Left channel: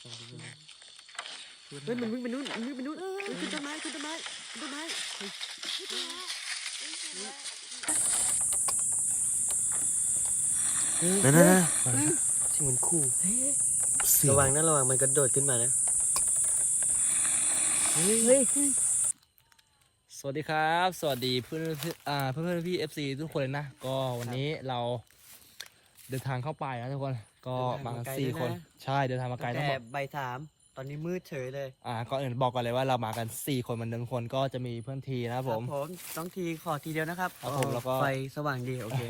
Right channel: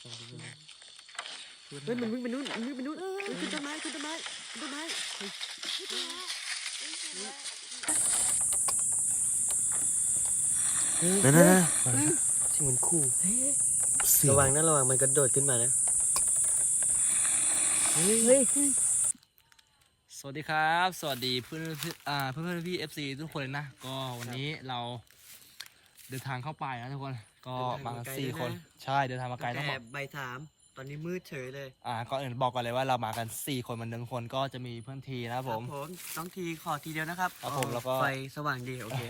เฮ้ยมันวิ่งไปนู่นมันวิ่งไปนู่นเฮ้ยขึ้นต้นไม้ขึ้นต้นไม้ขึ้นต้นไม้เฮ้ยนั่นนั่นนั่นสิ่งมันคู่เสียงระวังนะระวังมันกระโดดขึ้นมานะเฮ้ยสวัสดีครับ สวัสดีเพื่อนๆอ่าเพื่อนเพื่อนพี่เอฟซีทุกคนเลยนะ ก็วันนี้เราเดินทางเข้าไปนะทุกคน ก็มากันสี่คน ใช่เดินทางมาไกลต้องบแต่อกใบายสามตอนนี้มืดเฉยเลยอ่าก่อนอื่นบอกก่อนเลยว่าเรามากันสี่คนเหมือนเดิมทุกคนก็จะมีเพื่อนทีนะครับผมผมต้องทีขอทีเดียวนะครับครับผมแล้วก็ ไฟสว่างดีโอเค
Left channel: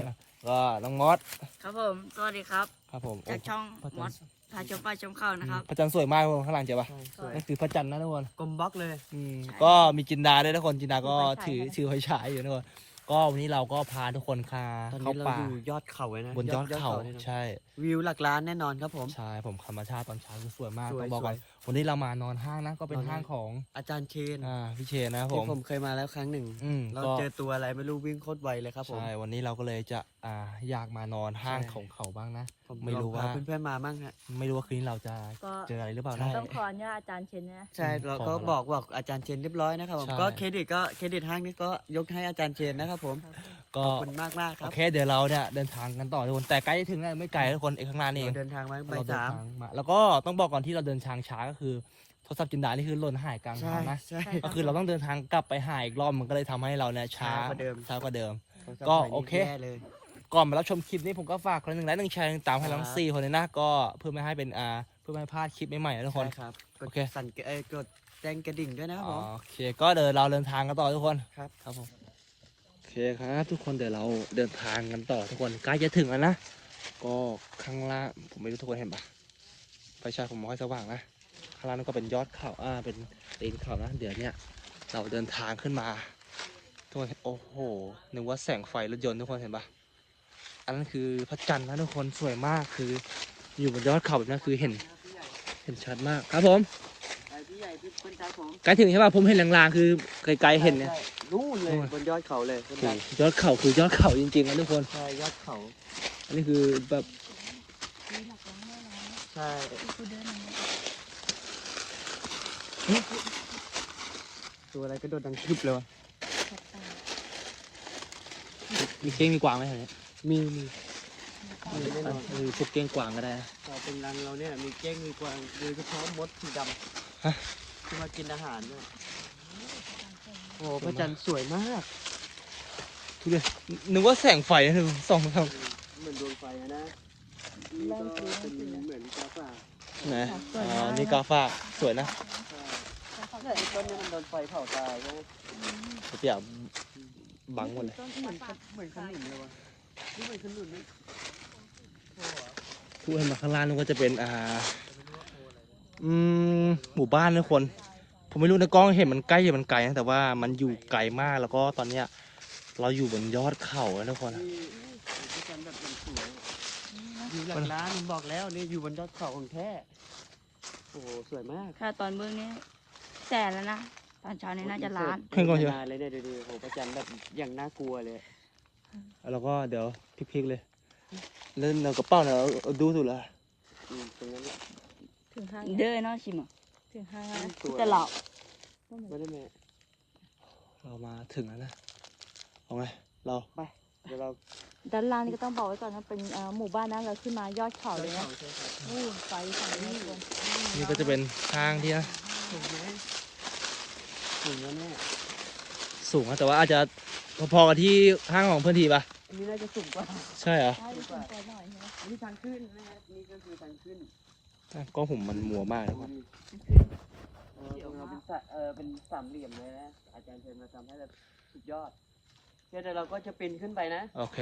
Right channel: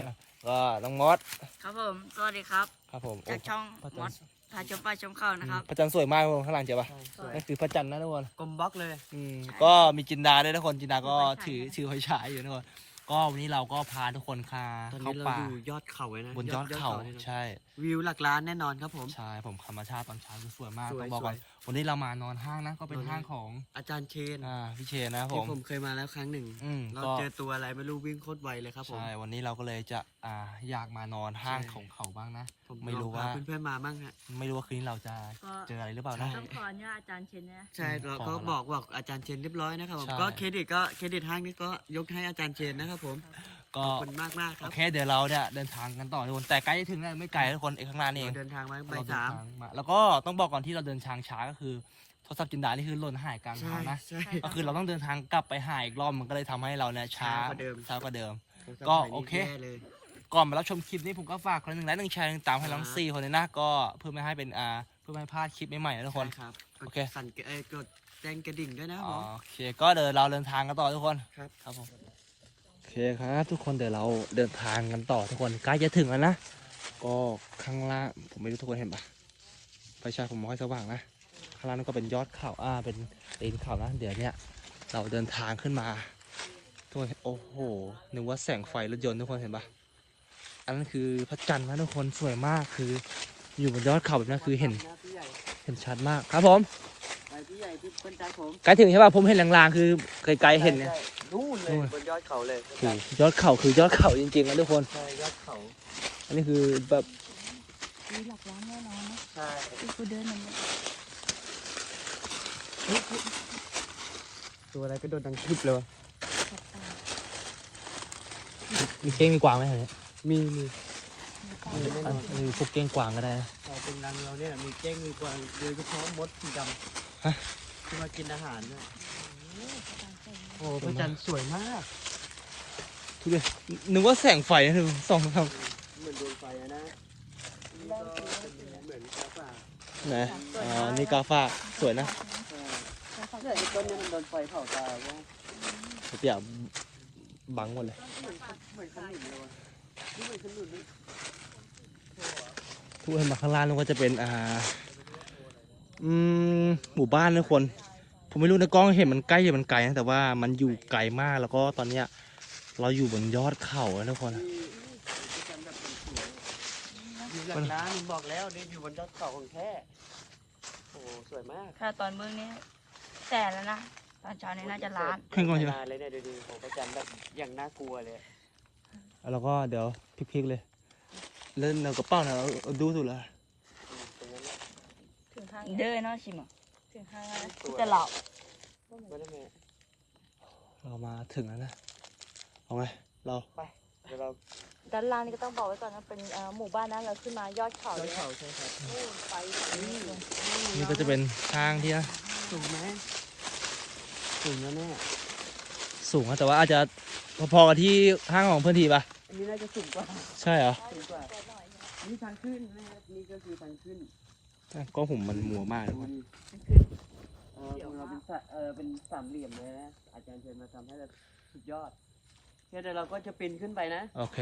ก็น้องมดครับผม สวัสดีครับ ครับผมจากช่องพระมจัดนทร์พาชมป้าชมเข้านะครับ พระจันทร์สวยมากทุกคนข้างหลังเจอปะสวยนั่นคือพระจันทร์นะทุกคนกลมบล็อกเลย อืมใช่ก็มีจินดาด้วยทุกคนจินดาก็ไฟฉายถือนะถือไฟฉายอยู่ทุกคน ก็วันนี้เราก็พาทุกคนคาตอนเข้านี้เราป่าอยู่ยอดเขาเลยนะบนยอดเขาลยนะใช่ วิวหลักล้านแน่นอนครับผม ใช่ผมธรรมชาติตอนเช้าคือสวยมากสวยต้องบอกก่อนส วยวันนี้เรามานอนห้างนะ ก็เป็นนอนห้างของอาจารย์เคนอ่าพี่เชนนะครับผที่ม ผมเคยมาแล้วครั้งหนึ่งอืมเราก็ เจอตัวอะไรไม่รู้วิ่งโคตรไวเลยครับผม ใช่วันนี้เราก็เลยจะอ่าอยากมานอนห้างใช่ ของเขาบ้างนะ ผมไม่รู้ลองพว่าเพื่อนๆมามั่งฮะ ไม่รู้ว่าคืนนี้เราจะก็ เจออะไรหรือเปล่าใช่นะต้องขออนุญาตอาจารย์เชนนะ ใช่อืมเราขอก็แล้วบอกบอกอาจารย์เชนเรียบร้อยนะครับผมใช่ ก็เครดิตก็เครดิตห้างนี้ก็ยกให้อาจารย์เชนนะครับผม ก็ขอบคุณมากมากๆคโอรับเคเดี๋ยวเราเนี่ยเดินทางกันต่อทุกคนแต่ใกล้จะถึงแล้วไม่ไกลทุกคนเอกข้างหน้านี่เอเรางเดินทางมาใบเราายเดินสามทางมาแล้วก็ต้องบอกก่อนที่เราเดินทางช้าก็คือโทรศัพท์จินดานี่คือหล่นหายกลางใช่ทางนะใช่ ก็คือเราต้องเดินทางกลับไปหาอีกรอบมันก็เลยทำให้เราเนี่ยช้าช้ากว่าเดิม ช้ากว่าเดิมโทรศัพท์ก็ใบนี้โอเค แย่เลย ก่อนมารับชมคลิปนี้ผมก็ฝากคนหนึ่งไลค์หนึ่งแชร์หนึ่งตามให้เราทั้งครับสี่คนเลยนะก็เพื่อไม่ให้เป็นอ่าเพื่อไม่ให้พลาดคลิปใหม่ๆนะทุกคน ใช่ครับกโอดเค สั่นเอ้ยกดแจ้งกระดิ่งด้วยนะครับผมโอเคก็เดี๋ยวเราเดินทางกันต่อทุกคนครับ ครับผมโอ เคครับทุกคนเดี๋ยวเราเดินทางกันต่อทุกคนใกล้จะถึงแล้วนะ ก็ข้างล่างผมไม่รู้ทุกคนเห็นปะไฟฉายผมม่ค่อยสว่างนะข้างล่างนั่นก็เป็นยอดเขาอ่าเป็นเปีนเขานะเดี๋ยวเนี้ยเราเดินทางขึ้นมาทุกคนโอ้โหนึกว่าแสงไฟรถยนต์ทุกคนเห็นปะอันนั้นคือพระจันทร์นะทุกคนสวยมากคือ อยู่บนยอดเขาแบบนี้คือเห็น เห็นชัดมากครับผม ใหญ่พี่เพื่อนใจผมใกล้ถึงใช่ป่ะผมเห็นลางๆคือไกลๆเห็นเนี่ยรู้เลนู่ยนบนยอดเขาเลยโอ้โหยอดเขาคือยอดเขาจริงๆนะทุกคนใช่ยอดเขาอันนี้คือแบบมีหลักร้านแน่นอนใช่คือเดินมันตัวอะไรก็โดนดังคลิปเลยมีเก้งมีกวางไหมแถวนี้มีมี มีพวกเก้งกวางก็ได้นะตรงนั้นเราเนี่ยมีเก้งมีกวางโดยเฉพาะมดสีดฮะำที่มากินอาหารเนี่ยโอ้โหพระจันทร์สวยมากทุเรศนึกว่าแสงไฟนะทุกคนส่องทางเหมือนโดนไฟนะเหมือนกาแฟไหนอ๋อนี่กาฟ้าสวยนะแต่ต้นนี้มันโดนไฟเผาตายเดี๋ยวบังหมดเลยทุกคนมาข้างล่างนึกว่าจะเป็นอ่า อืมหมู่บ้านนะทุกคน ผมไม่รู้ในกล้องเห็นมันใกล้หรือมันไกลนะแต่ว่ามันอยู่ไกลมากแล้วก็ตอนเนี้ย เราอยู่บนยอดเขาอะทุกคนอยู่หลังร้านผมบอกแล้วนี่อยู่บนยอดเขาของแท้โอ้โหสวยมากถ้าตอนมื้อนี้แสนแล้วนะตอนเช้านี้น่าจะล้านขึ้นก่อนเชียวเลยเนี่ยเดี๋ยวดูพระจันทร์แบบอย่างน่ากลัวเลย แล้วก็เดี๋ยวพลิกๆเลย เล่นเอากระเป๋าเนี่ยเอาเอาดูสุดละอืมตรงนั้นถึงห้างเดินเนาะชิมถึงห้างแล้วตลอดไม่ได้เลยเรามาถึงแล้วนะเอาไงเราเดี๋ยวเราด้านล่างนี่ก็ต้องบอกไว้ก่อนมันเป็นอ่าหมู่บ้านนะเราขึ้นมายอดเขายเลอดยเขานะใช่ครับโอ้ไฟสวยนี่นี่ก็จะเป็นห้างที่นะเห็นไหมสูงนะเนี่ย สูงนะแต่ว่าอาจจะพอๆกับที่ห้างของเพื่อนทีปะอันนี้น่าจะสูงกว่าใช่เหรอสูงกว่าอันนี้ทางขึ้นนะฮะนี่ก็คือทางขึ้นอะกล้องผมมันมัวมากดูดิเออของเราเป็นสะเออเป็นสามเหลี่ยมเลยนะอาจารย์เชิญมาทำให้แบบสุดยอดเดี๋ยวเราก็จะปีนขึ้นไปนะโอเค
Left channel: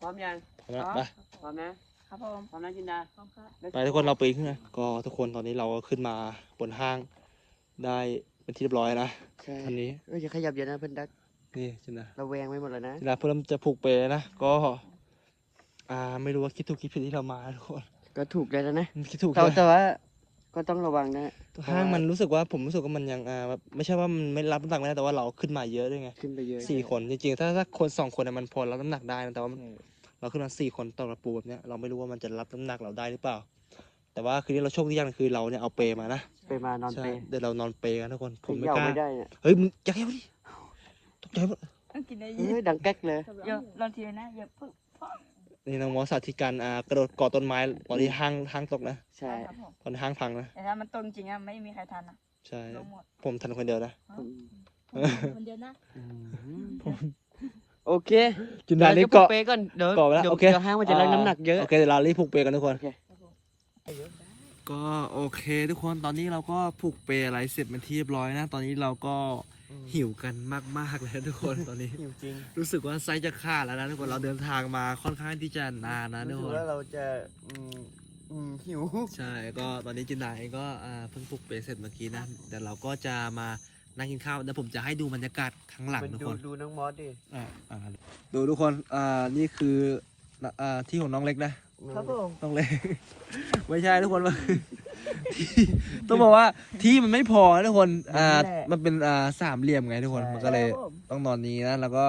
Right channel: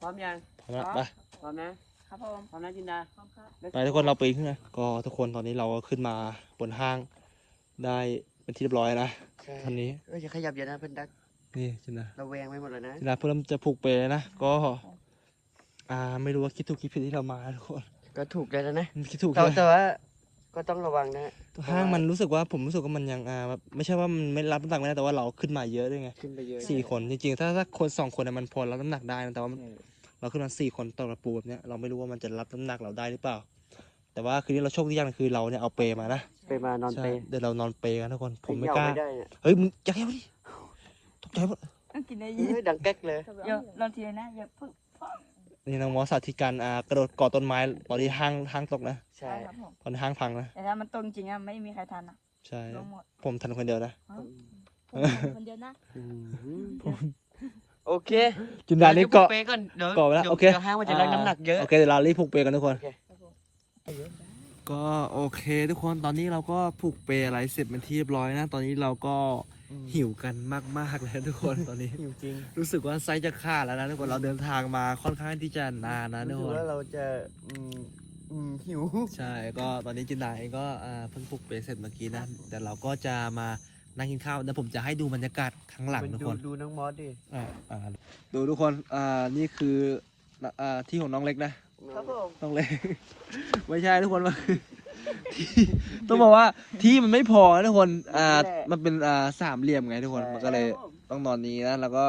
พร้อมยังพร้อมแล้วไปพร้อมนะครับผมพร้อมนะจินดาไปทุกคนเราปีนขึ้นนะก็ทุกคนตอนนี้เราก็ขึ้นมาบนห้างได้ เป็นที่เรียบร้อยนะทันนี้เอ้ยอย่าขยับเยอะนะเพื่อนดักนี่จินดาเราแวงไว้หมดเลยนะจินดาเพิ่มจะผูกเปลนะก็ อ่า ไม่รู้ว่าคิดถูกคิดผิดที่เรามาทุกคนก็ถูกเลยนะนะคิดถูกใช่ไหมแต่ว่าก็ต้องระวังนะห้างมันรู้สึกว่าผมรู้สึกว่ามันยังอ่าแบบไม่ใช่ว่ามันไม่รับน้ำหนักไม่ได้แต่ว่าเราขึ้นมาเยอะด้วยไงขึ้นไปเยอะสี่คนจริงๆถ้าถ้าคนสองคนน่ะมันพอรับน้ำหนักได้นะแต่ว่ามันเราขึ้นมาสี่คนต่อระปูแบบเนี้ยเราไม่รู้ว่ามันจะรับน้ำหนักเราได้หรือเปล่า แต่ว่าคืนนี้เราโชคดีอย่างหนึงคือเราเนี่ยเอาเปรมานะไปมานอนใช่เปรเดี๋ยวเรานอนเปรกันทุกคน ผมไม่เขกล้า ไม่ได้เนี่ยเฮ้ยมึงอย่าแค่ดิตกใจหมดกินได้เฮ้ยดังแก๊กเลยเดี๋ยวรอทีนะอย่าเพิ่งนี่น้องมอสสาธิตการอ่ากระโดดเกาะต้นไม้ตอนที่ห้างห้างตกนะใช่ใช่ครับผมตอนห้างพังนะแต่ถ้ามันตรงจริงอะไม่มีใครทันอะใช่ ลงหมด ผมทันคนเดียวนะ คนเดียวนะ อืมโอเคจินดานี่เกาะเปรก่อนเดี๋ยวเกาะไปแล้วดี๋ยโอเค ดี๋ยวห้างมันจะได้น้ำหนักเยอะ โอเคเดี๋ยวเรารีบผูกเปรกันทุกคน ก็โอเคทุกคนตอนนี้เราก็ผูกเปรอะไรเสร็จเป็นที่เรียบร้อยนะ ตอนนี้เราก็หิวกันมากๆแล้วทุกคนตอนนี้หิวจริงรู้สึกว่าไซส์จะขาดแล้วนะทุกคนเราเดินทางมาค่อนข้างที่จะนานนะทุกรู้คสึนว่าเราจะอืมอืมหิวใช่ก็ตอนนี้จินดาเองก็อ่าเพิ่งปลุกเปรย์เสร็จเมื่อกี้นะแต่เราก็จะมานั่งกินข้าวเดี๋ยวผมจะให้ดูบรรยากาศข้างหลังทุกคนดูน้องมอสดิอ่าอ่าดูทุกคนอ่านี่คืออ่าที่ของน้องเล็กนะ ครับผมน้องเล็กไม่ใช่ทุกคนว่าที่ต้องบอกว่าที่มันไม่พอนะทุกคนอ่ามันเป็นอ่าสามเหลี่ยมไงทุกคนมันก็เลยต้องนอนนี้นะแล้วก็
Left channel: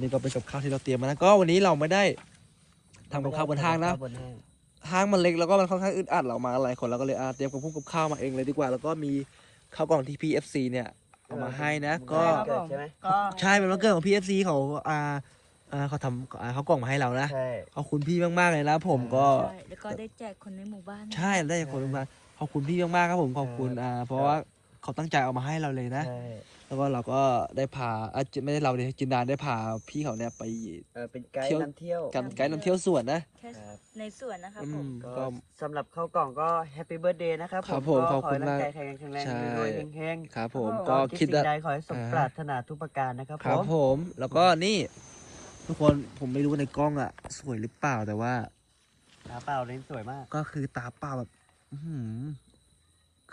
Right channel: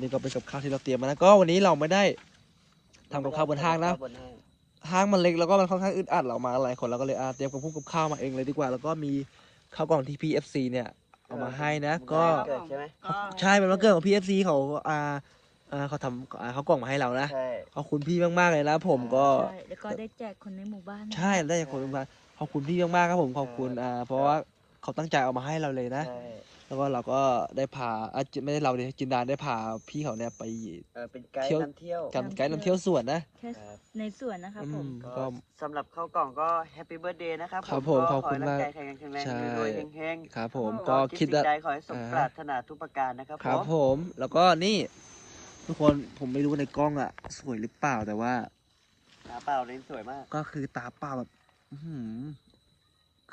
นี่ก็เป็นกับข้าวที่เราเตรียมมานะก็วันนี้เราไม่ได้ทำกับข้าวบนห้างนะบนห้างห้างมันเล็กแล้วก็มันค่อนข้างอึดอัดเรามาหลายคนเราก็เลยอะเตรียมกับพุ่งกับข้าวมาเองเลยดีกว่า แล้วก็มีข้าวกล่องที่ PFC เนี่ยเอามาให้นะ ก็เกิดใช่ไหมก็ใช่เป็นวันเกิดของ PFC เขาอ่า อ่าเขาทำอ่าเขากล่องมาให้เรานะใช่ ขอบคุณพี่มากๆเลยนะผมก็ ใช่แล้วก็ได้แจกคนในหมู่บ้านใช่ได้จากคนมาขอบคุณพี่มากๆครับผมขอบคุณอ่าเพราะว่าเขาตั้งใจเอามาให้เราเลยนะ ใช่แล้วก็เราก็ได้พาอะจิไม่ได้เราเลยจินดาได้พาพี่เขาเนี่ยไป เออเป็นไกด์เที่ยว นำเที่ยวกันไกด์นำเที่ยวสวนนะ แค่ในสวนนะครับอืผม ม ก็ก็สำหรับข้าวกล่องก็แฮปปี้เบิร์ดเดย์นะครับครับผมก็ขอบคุณให้ร่างมากกายแข็งแรงแข็งแรงใช่ รวยๆเฮงครับผมๆก็ก็คิคิดดว่าสิ่งใดขอให้สมอ่า ปรารถนาทุกประการนะครับครับผมผม แล้วก็นี่ ทุกคนผมไม่รู้ในกล้องอะสวยหรือเปล่าแต่ว่า ตาเปล่าเล่นสวยมาก ก็คือตาเปล่าแบบอื้อหือ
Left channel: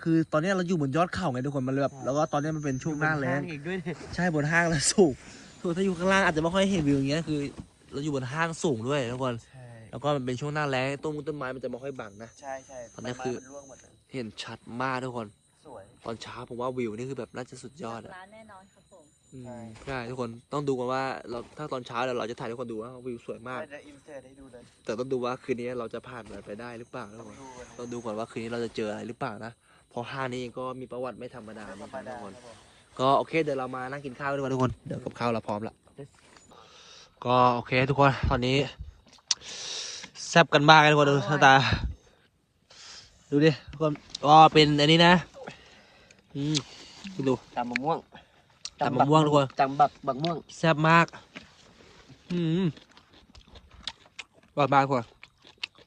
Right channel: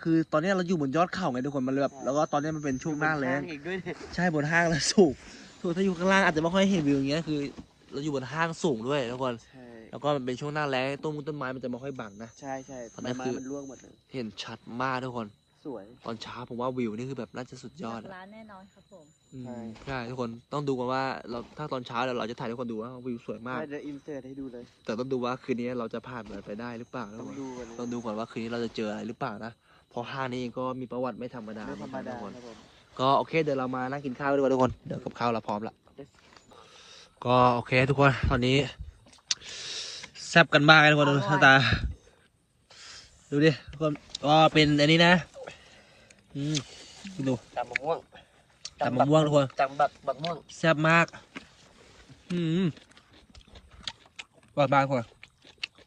คือตอนนี้เราอยู่บนยอดเขาไงทุกคนมันเลยแบบแล้วก็ตอนนี้มันเป็นช่วงหน้าแล้ง อีกด้วยดิใช่บนห้างแล้วสูงทุกคนถ้าอยู่ข้างล่างอาจจะไม่ค่อยเห็นวิวอย่างเงี้ยคือ เราอยู่บนห้างสูงด้วยทุกคน ใช่แล้วก็มันเป็นช่วงหน้าแล้งต้นมงต้นไม้มันจะไม่ค่อยบังนะ ใช่ใช่ตอนนี้คือใบไม้มัร่วงหมดเลยเห็นชัดมากทุกคน สวย ตอนเช้าผมว่าวิวนี่คือแบบน่าจะสุดยอดอะร้านแน่นอนครับผม อืมใช่ทุกคนต้องดูกันว่าเราถ้าตอนเช้าเดี๋ยวเราจะถ่ายให้ทุกคนดูว่าวิวสวยมากเราจะอินเสิร์ตให้ดูเลยแต่ต้องดูว่าคืนนี้เราจะผ่านมันไปได้หรือเปล่าทุกคนดูกันต้องดูก่อนว่าคืนนี้เราจะเจออะไรหรือเปล่านะเพราะห้างนี้ก็มีประวัติไม่ธรรมดาเหมือนกันทุกคน ก็โอเคเดี๋ยวเรามานั่งกินข้าวดีกว่าทุกคนเดี๋ยวกับข้าวเราพร้อมละก็โอเคทุกคนตอนนี้แซ่บกันมากเลยทุกคนดูหน้าตา ดูดิทุกคนก็เป็นอันนี้นะ อืมดูตำมะม่วง ตำมะม่วงทุกคนตำบักบักม่วงแซ่บมาก อืมบอดมากทุกคน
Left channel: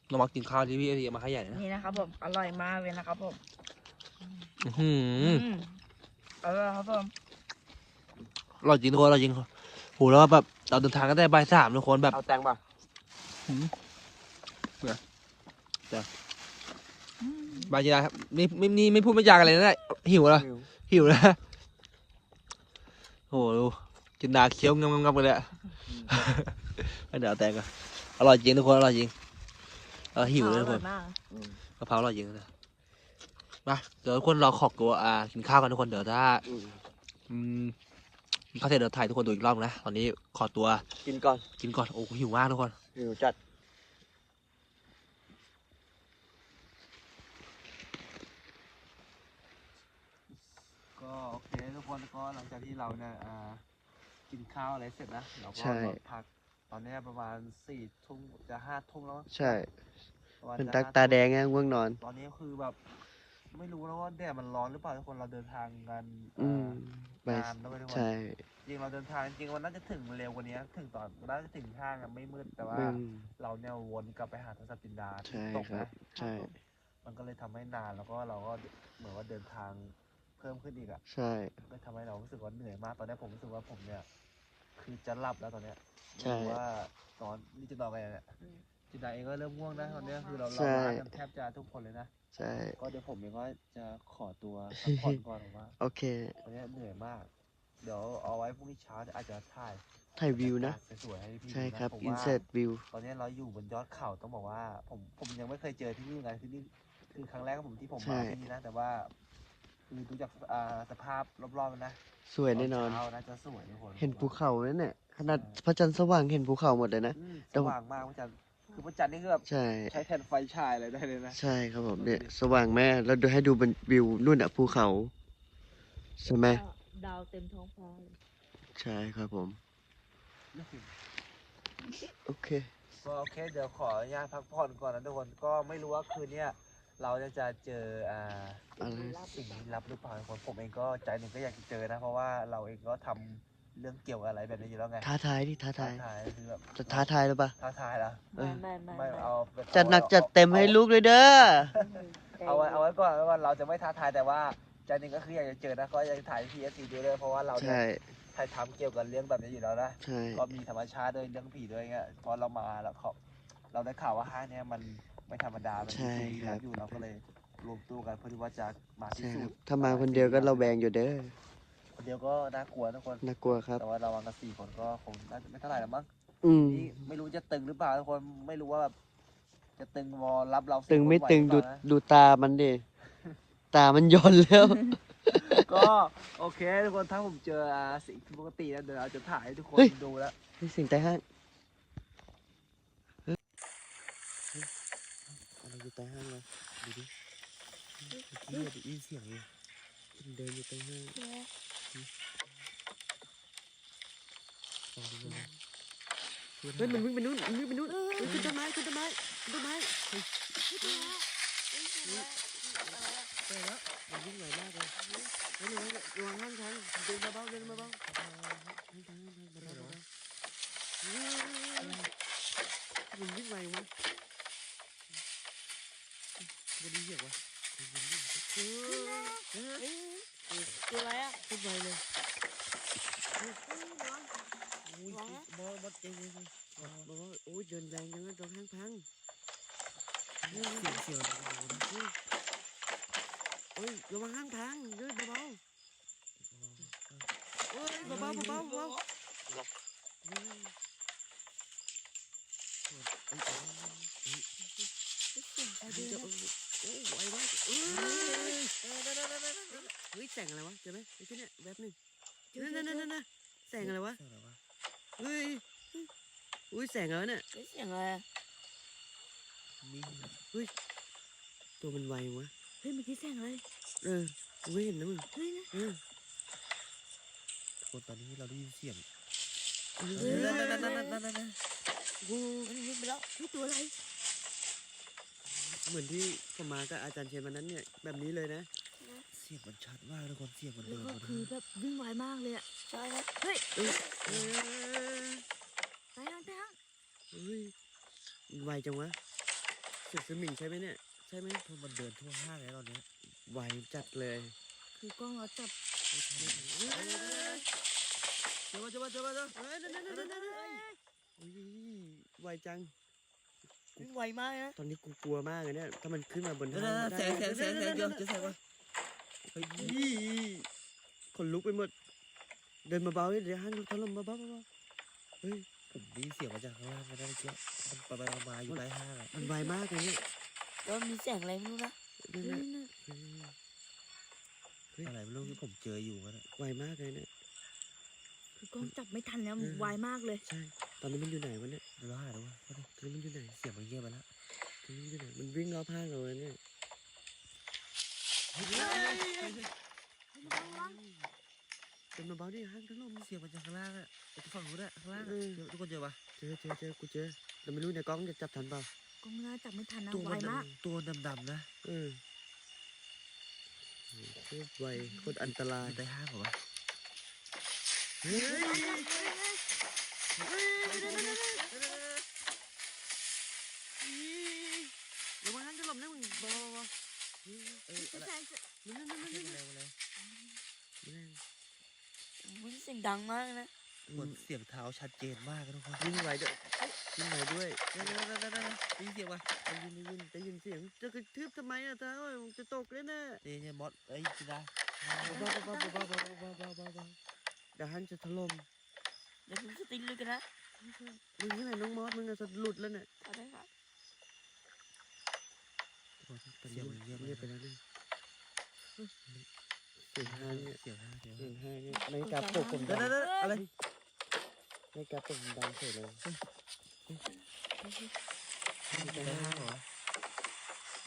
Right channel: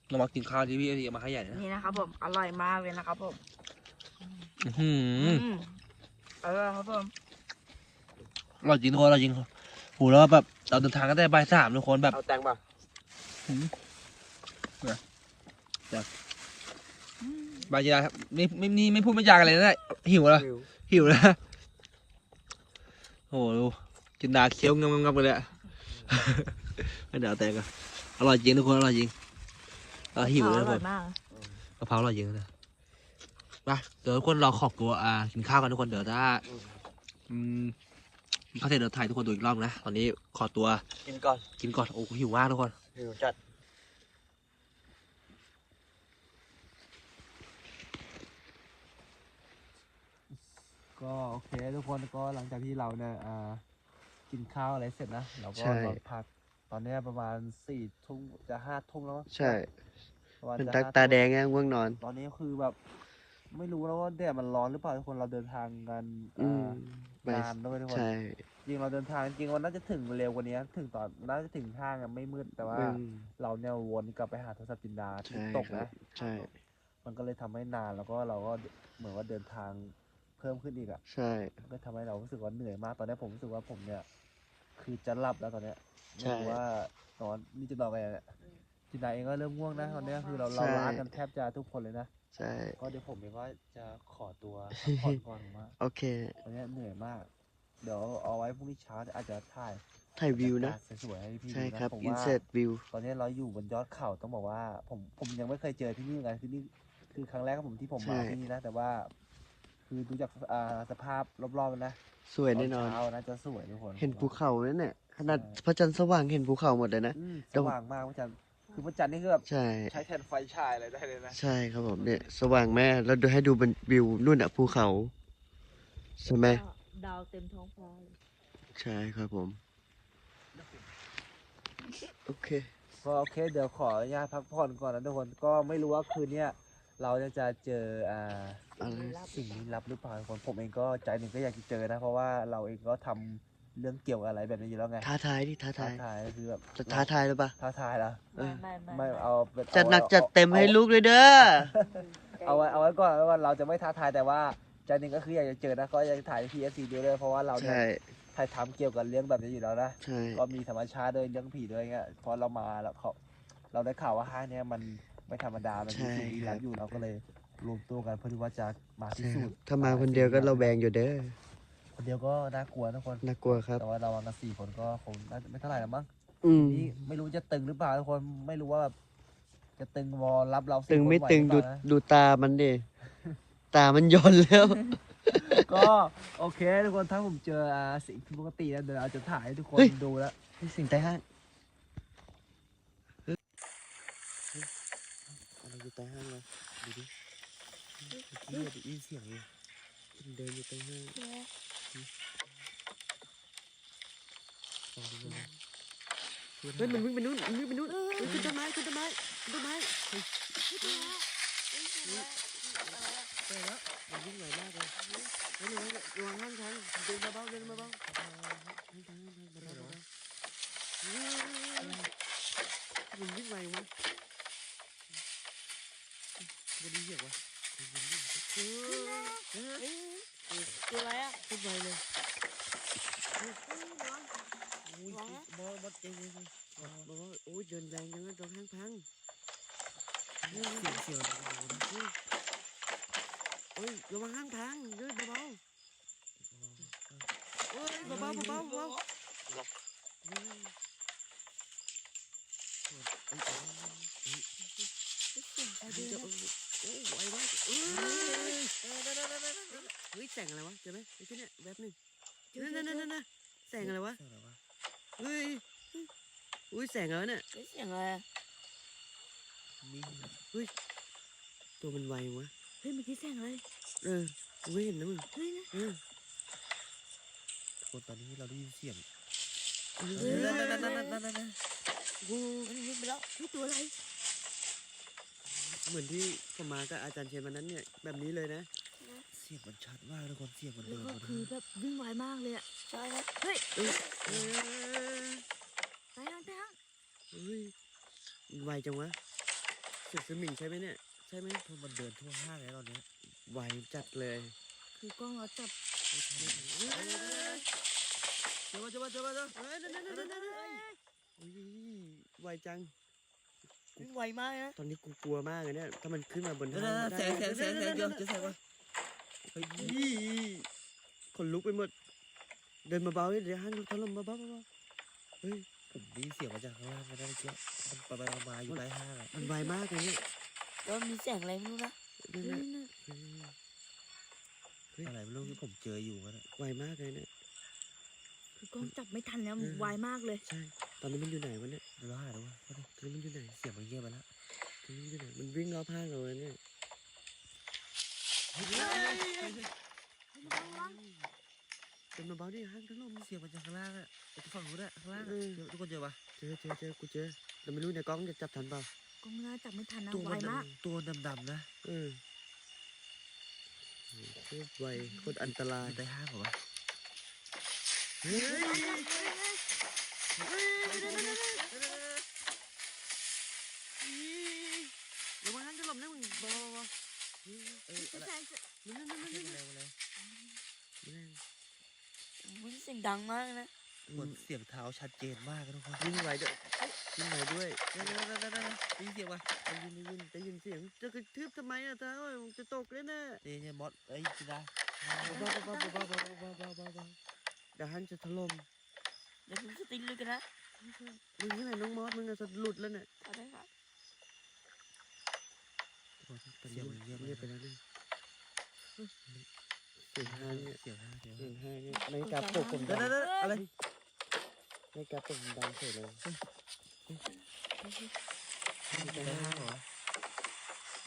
เรามากินข้าวที่พี่เอรีมาให้ใหญ่นะนี่นะครับผมอร่อยมากเลยนะครับผมอื้อหืออืมอร่อยครับผมอร่อยจริงทุกคนอร่อยจริงโหแล้วแบบเราเดินทางกันได้บ่ายสามทุกคนแบบ เอาแตงเปล่าบางทีครับไม่ไม่ไม่ไม่พูดไม่จากันเลยนะหิวแล้วหิวแล้ว โอ้โหดูกินดาเคี้ยวงำงำๆกันเลยอะ ไม่เดี๋ยวเอาแตงกันอร่อยจริงทุกคนอร่อยจริงเออหิวเลยทุกคนอร่อยมากกะเพราอร่อยจริงนะมาเดี๋ยวทุกคนเราขอบตัวอ่ากินข้าวกันทุกคนเดี๋ยวถ้าอืมกินข้าวเสร็จเดี๋ยวถ่ายทุกคนดูอีกรอบนะตอนนี้ขอตัวกินก่อนกินก่อนโอ้โหหิวมากทุกคน อืมจัด ก็โอเคทุกคนก็หลังจากที่เราเนี่ยอ่ากินข้าวอะไรเสร็จนะเราก็ใช่ นอนพัก ตอนเนี้ยประมาณสี่ทุ่มจะห้าทุ่มแล้วมั้งใช่ประมาณเป็นจะตาห้ตาทุ่มแดงไงง่วงนอน ตอนนี้คือแบบ ไม่รู้แล้วว่าแดดมันร้อนหรือเปล่าทุกคนเราเดินทางกันอืมอ่านานด้วยทุกคน ใช่จริงเราเดินทางจริงวันน่าจะถึงเร็วกว่านี้ถึงตอนน่าจะถึงห้างอะไม่มืดแต่ว่า อืม เราเนี่ยวนกลับไปหาโทรศัพท์จินดาที่ใช่ตกครันะบ ใช่ มันก็เลยทำให้นานแล้วก็เราก็เหมือนว่าเดินทางเพิ่มขึ้นอีกอะใช่ มันก็ทำให้เรารู้สึกว่าเหนื่อยมาก ตอนนี้ผมรู้สึกว่าผมเนี่ย คือจะหลับแล้วตอนเนี้ยไม่ใช่รู้ว่านอนนี่จะนอนไปเนี่ยทีนายเองก็เริ่มง่วงนะตอนเนี้ยคือเราใช่เราล้ากันแทบจะทุกคนเลยนะใช่ ก็เดี๋ยวผมเองว่าจะขอตัวพักผ่อนก่อนผมว่าโอเค ตอนเนี้ยเหนื่อยมาก เดี๋ยวเอาไว้พรุ่งนี้เช้าอาจจะถ่ายถ่ายวิวนะ บรรยากาศสวยๆให้พี่ใช่ดูนะครับ ผมอินว่า เสิร์ตวิว ตอนนี้เราอยู่บนยอดเขาต้องบอกว่า ผมผมยังไม่เคยเจอที่นี่เหมือนกันคือนี่คือครั้งแรกของผมที่ผมมาใช่ ที่นี่นะแต่ว่า คือดูจากอ่าสภาพรอบๆมันนะสวยแน่นอนเช้านะจะสวยทุกคนเห็นภูเขานั่นเนี่ยขนาดพระจันทร์สว่างเห็นภูเขาหมดเลยนะ อืมสเดี๋ยวว่างมากพระจันทร์คือพระจันทร์นี่คือแบบใช่ ใช้แทนไฟฉายอะไรได้เลยนะ ใช่ครับผมเนี่ย สว่างแม่แล้วดูให้ดูบนวิวนู่นอะภูเขาใช่ไหมดาวเต็มท้องฟ้าเลยใช่ครับผม โอเค ก็โอเคเดี๋ยวขออนุญาตพักผ่อนก่อนนะทุกคนก็ไม่รู้ว่าคืนเนี้ย เราจะจะเจออ่าอะไรสิ่งลี้ลับหรือเปล่าทุกคนผมเองก็ใจหนึ่งก็อยากจะเจอนะ เพราะว่าเราเองก็ทำเรื่องเกี่ยวกับอะไรแบบนี้อยู่แล้วไงท้าทายดิท้าท้าทายทายคือแบบจะท้าทายหรือเปล่าท้าทายเหรอเออไม่ไม่ไม่เอาเป็นจัดหนักอาจัดเต็มให้ลูกเลยเด้อเอาไว้เอาไว้ก่อนว่าเราจะไม่ท้าทายแต่ว่าใจหนึ่งก็คืออยากจะเจอนะก็อยากจะถ่ายพีเอสซีดูด้วยเพราะว่าเราเนี่ยใช่ถ่ายทำเกี่ยวกับเรื่องแบบนี้อยู่แล้วนะใช่ก็มีธรรมชาติด้วยเรื่องผีด้วยเงี้ยพอเรามาแล้วเขาเราได้ข่าวว่าห้างเนี้ยมัน ไม่ธรรมดามันมีสิ่งลี้ลับอยู่เราก็เลยรวมตัวกันเพื่อที่ว่าจะมาพิใช่สูครัจบน์ถ้ามาคนเดียวก็เราแวงอยู่เด้อ คนเดียวก็น่ากลัวทุกคน น่ากลัวครับ แต่ว่าเรามากันสี่คนก็คงน่าจะไม่เท่าไหร่แล้วมั้งอืม นี่ไม่รู้จะตึงหรือเปล่าทุกคนไม่รู้ว่าแบบจะตึงวอรับเราตึสี่งคนไม่ไหวตึงหรือดูเปล่านะ ดูตามันดิ ตามันยนแล้ว ก็โอเคทุกคนถ้าผมเจออ่าสิ่งที่ปกติแล้วเดี๋ยวเราจะถ่ายให้ทุกคนเฮ้ย ดูแล้วนี่เสิ่งใต้ห้างอะไรอยู่ ใต้ห้างวะดูดิเมื่อกี้ได้ยินเสียงเลยมันเดินอยู่ใต้ห้างลองดูดูเฮ้ยมันวิ่งไปนู่นมันวิ่งไปนู่นเฮ้ยขึ้นต้นไม้ขึ้นต้นไม้ขึ้นต้นไม้เฮ้ยเจอแล้วมันวิ่งไวมากเลยเฮ้ยระวังระวังห้างทางเดินเบาๆเดินเบาๆห้างทางห้างทางเบาๆเบาๆเฮ้ยมันวิ่งไววะมั นดีเหี้ยวะเฮ้ยเฮ้ยตัวอะไรอะขึ้นไวเลยอุ้ยบอสบอสเจ๊งเลยบอสบอสโอ้ยเดินแรงจังเลยตรงห้างพังเสียงเสียงโอ้ยระวังห้างพังเดินเบาๆโอ้ยเบาๆเบาๆเบาๆเฮ้ยเอ้ยเอ้ยเอ้ยเอ้ยเดี๋ยวโอ้ไวมากเอ้ยเฮ้ยแส งอะไรวะเจอไหมไอ้ที่เนี่ยแวบหนึ่งนั่นนั่นนั่นนั่นแสงอะไรวะเสียงอะไรวะเฮ้ยอุ้ยแสงอะไรเนี่ยเสียงอะไรอะมีตัวมันไววะเฮ้ยเมื่อกี้เสียงอะไรเออกูไม่เห็นนะมึงเฮ้ยนะเออคนตอนนี้เราได้ยินเสียงเอนั่นอนั่นนั่นนั่นนั่นนั่นกูมันวิ่งไปแล้วเฮ้ยตัวอะไรเหมือนที่ผมมากับอาจารย์เชนวันนั้นเนี่ยแบบนี้เลยนะ เสียงมันชัดมากทุกคนเสียงมันแล้เดิวนก็มาคือแบบวิ่งไวมากเลยอะใช่ครับเฮ้ยเออเออไปทางไปทางเฮ้ยมันไวจังวะเสือสมิงใช่ไหมเนี่ยใช่ไหมทุกมันเดินทั่วห้างเลยตอนนี้ไวจัดเลย คือกล้องเราจับเจ้าเจ้าเจ้าเจ้าเฮ้ยนั่นนั่นนั่นนั่นอุ้ยไวจังวิ่งไวมากนะตอนนี้กูกลัวมากเลยเนี่ยถ้ามันขึ้นมาบนนั่นห้างแสงแสงแสงแสงเยอะจะแสงวะ เฮ้ยขนลุกไปหมด เดินมาเบาๆเดี๋ยวห้างถล่มเบาๆเบาๆเฮ้ยผมได้ยินเสียงมาจากข้างล่างมาได้เมื่อกี้มันไปไปมาๆอยู่ใต้ห้างอะมันไวมากเลยเนี่ยแล้วมีเสียงอะไรไม่รู้นะนั่นนั่น่ะนน่ะเอออะไรไม่รู้ที่ผมเจออยู่มันอะไวมากเลยเนี่ยคือกล้องจับไม่ทันแล้วเออไวมากเลย ใช่ ตอนนี้มันอยู่ไหนวะเนี่ยเดี๋ยวเราหาดูว่าตอนนี้มันอยู่ไหนเสียงมันเงียบไปแล้วตอนนี้มันอยู่ไหนมันวิ่งรอบห้างเราเลยเนี่ย เดินมาเบาดิห้างถล่มเสียงมันจากข้างล่างอะไปฝั่งนู้นอะข้างล่างเจอทุกคนเจอปะเจอเจอเจอกูเจอแต่ไม่รู้ในกล้องจะจับทันเปล่ากล้องน่าจับไม่ทันนะตัวไวมันมากตัวดำๆนะเออโคตรไวโคตรอันตราอยยู่ใต้ห้างเหรอวะเฮ้ยระวังห้างถล่มนะมึงบอบอเฮ้ยเอออะไร แสง นั่นนั่นนั่น เสีย นั่ ง น อะไรวะเลย นั่น วิ่งเสียง ดังมากนะเหมือนเสียงเท้าชัดเจนมากนะทุกคนวิ่งไหวด้วยวิ่งไหวด้วยนั่นนั่นนั่นนั่นนั่นได้ยินเสียงปะได้ยินได้ยินได้ยินเสียงจะกระทืบทำไมอะเท้าจะตกเลยนะนี่เนี่ยมอสเอ้ยจินดาเบาเบาเบาเบาเบาเบาเบาเบาเบาเดี๋ยวฮันจะถล่มเดี๋ยวผมสติงเลยกันนะมึงที่ไหนน้องมอสมึงอะจะหลุดแล้วเนี่ยเอาได้ครับเสียงเงียบเงียบไปแล้วเนี่ย เสียงห้างเนี่ยเสียงห้างเสียงเสียห้างงห้างเนี่ยในกาปลุกผมนั่ดันงนั่นนั่นอะไรในกาปลุกผมดังเฉยเลยอยู่ใต้ห้างเหรอ